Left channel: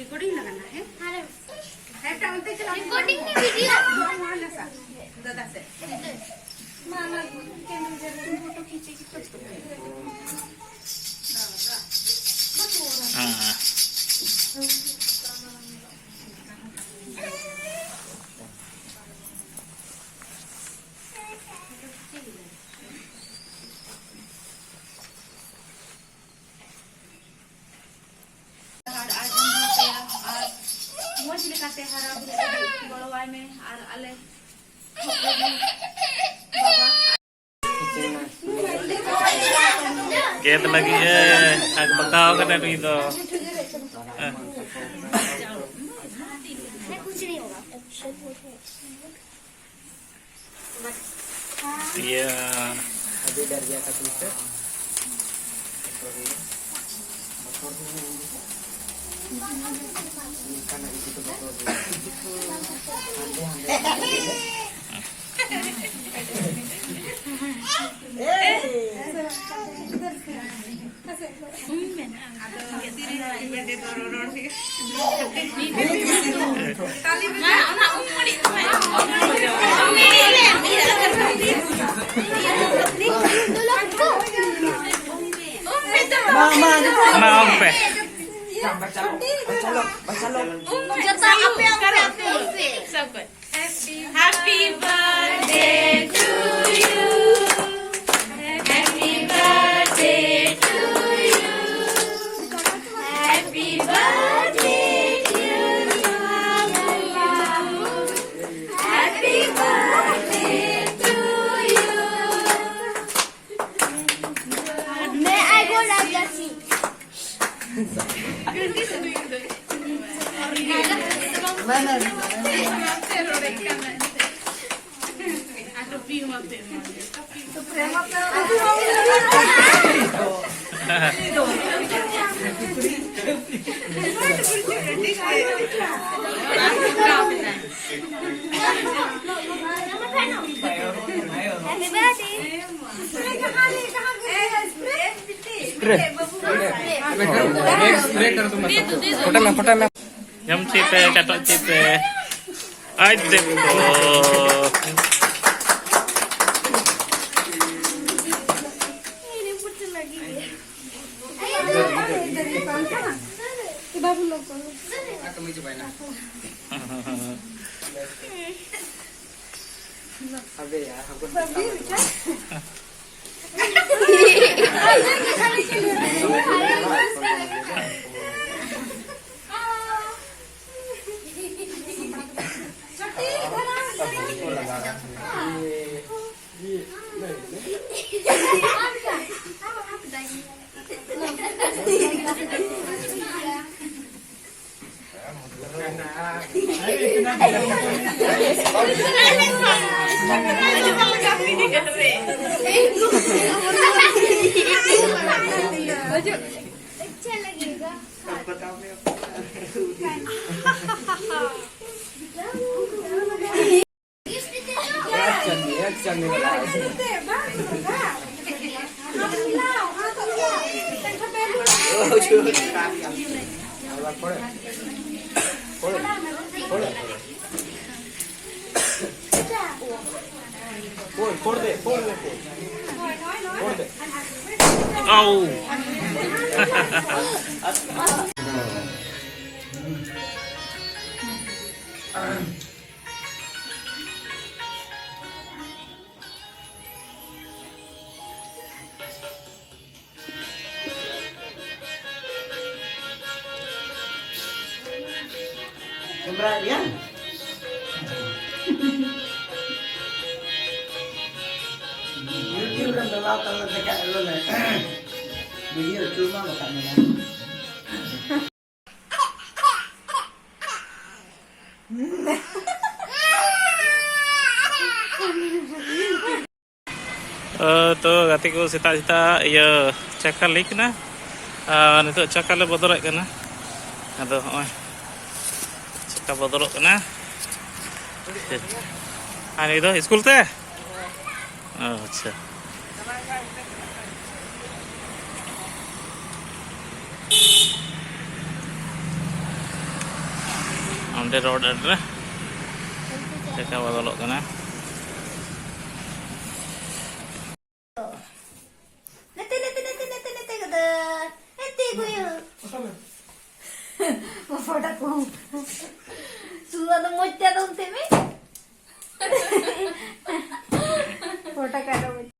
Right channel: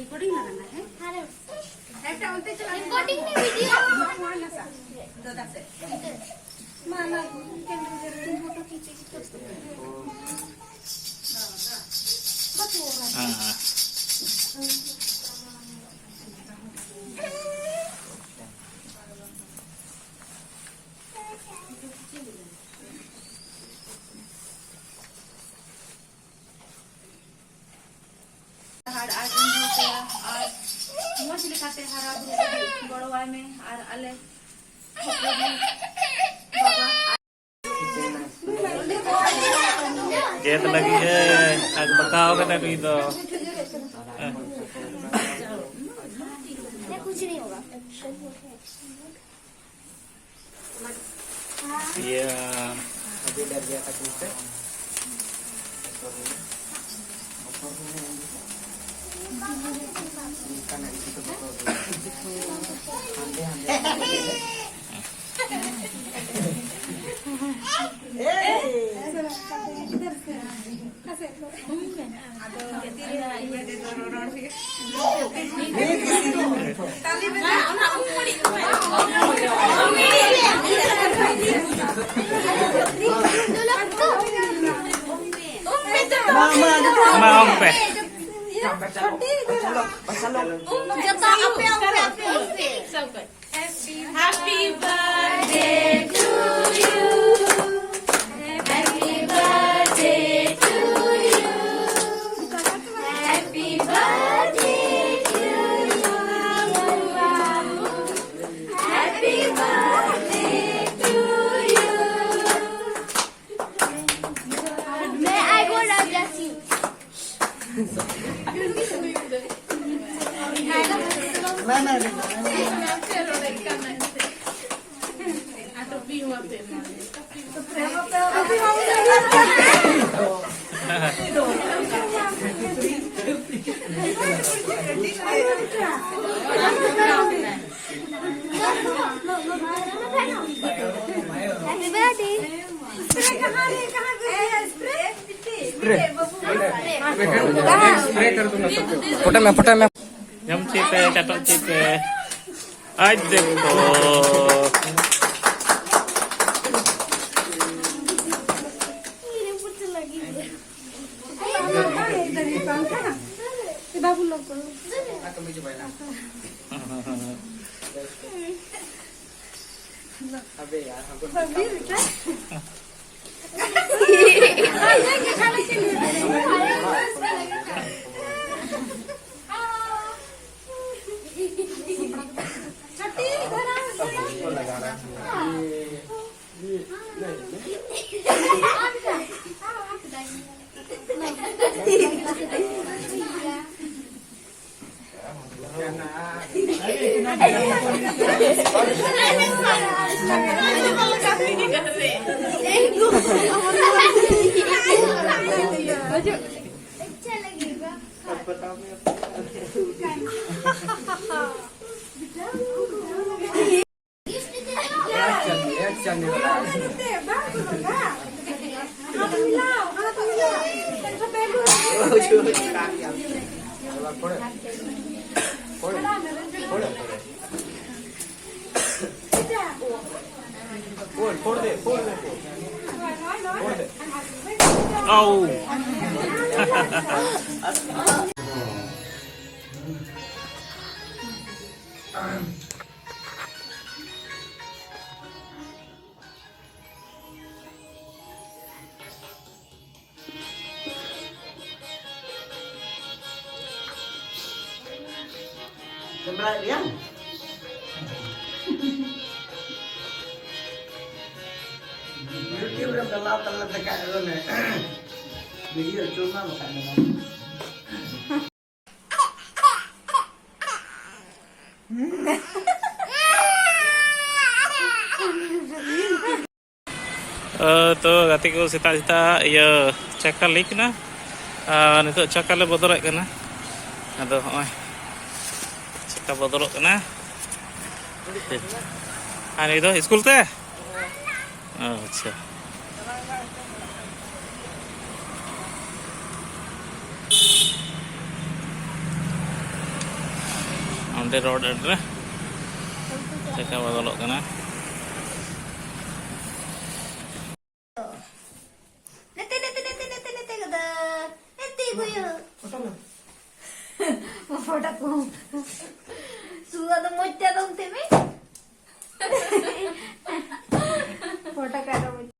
Recording लगाना है recording video मामा photo खींचे Get lagi ag bakaw ka na dito. Yeah. Maompe. Happy birthday to you. Happy birthday to you. Happy birthday dear Mama. Happy birthday to you. May I go like that? Jam cipe, catok cipe. Aja po. बाबू लोग Oh. Keberanian. YouTube udah gelap kalau dekat lu nih. Video cuma makanya. तो गाते को सेता सेता इया चक्का lake ना नितो चक्का ले बदलत कना अदो होय चक्का बदलत कना आनी दो स्कूल ते अच्छा onde road adra चक्का बदलत कना Sudah ada mojja dong teme.